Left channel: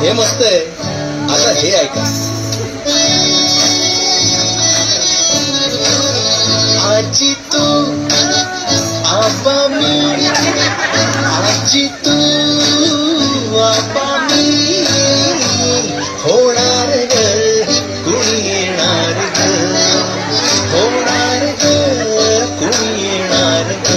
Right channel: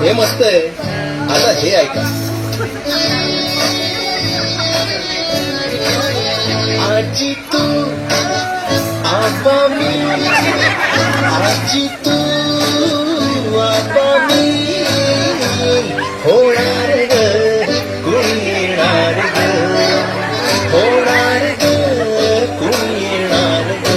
हे मस्त आहे. आता हे ऐका. आजी तू आबा मी, आजी तू आबा मी, होणार ग कुणी येणार ग, होणार ग कुणी येणार ग.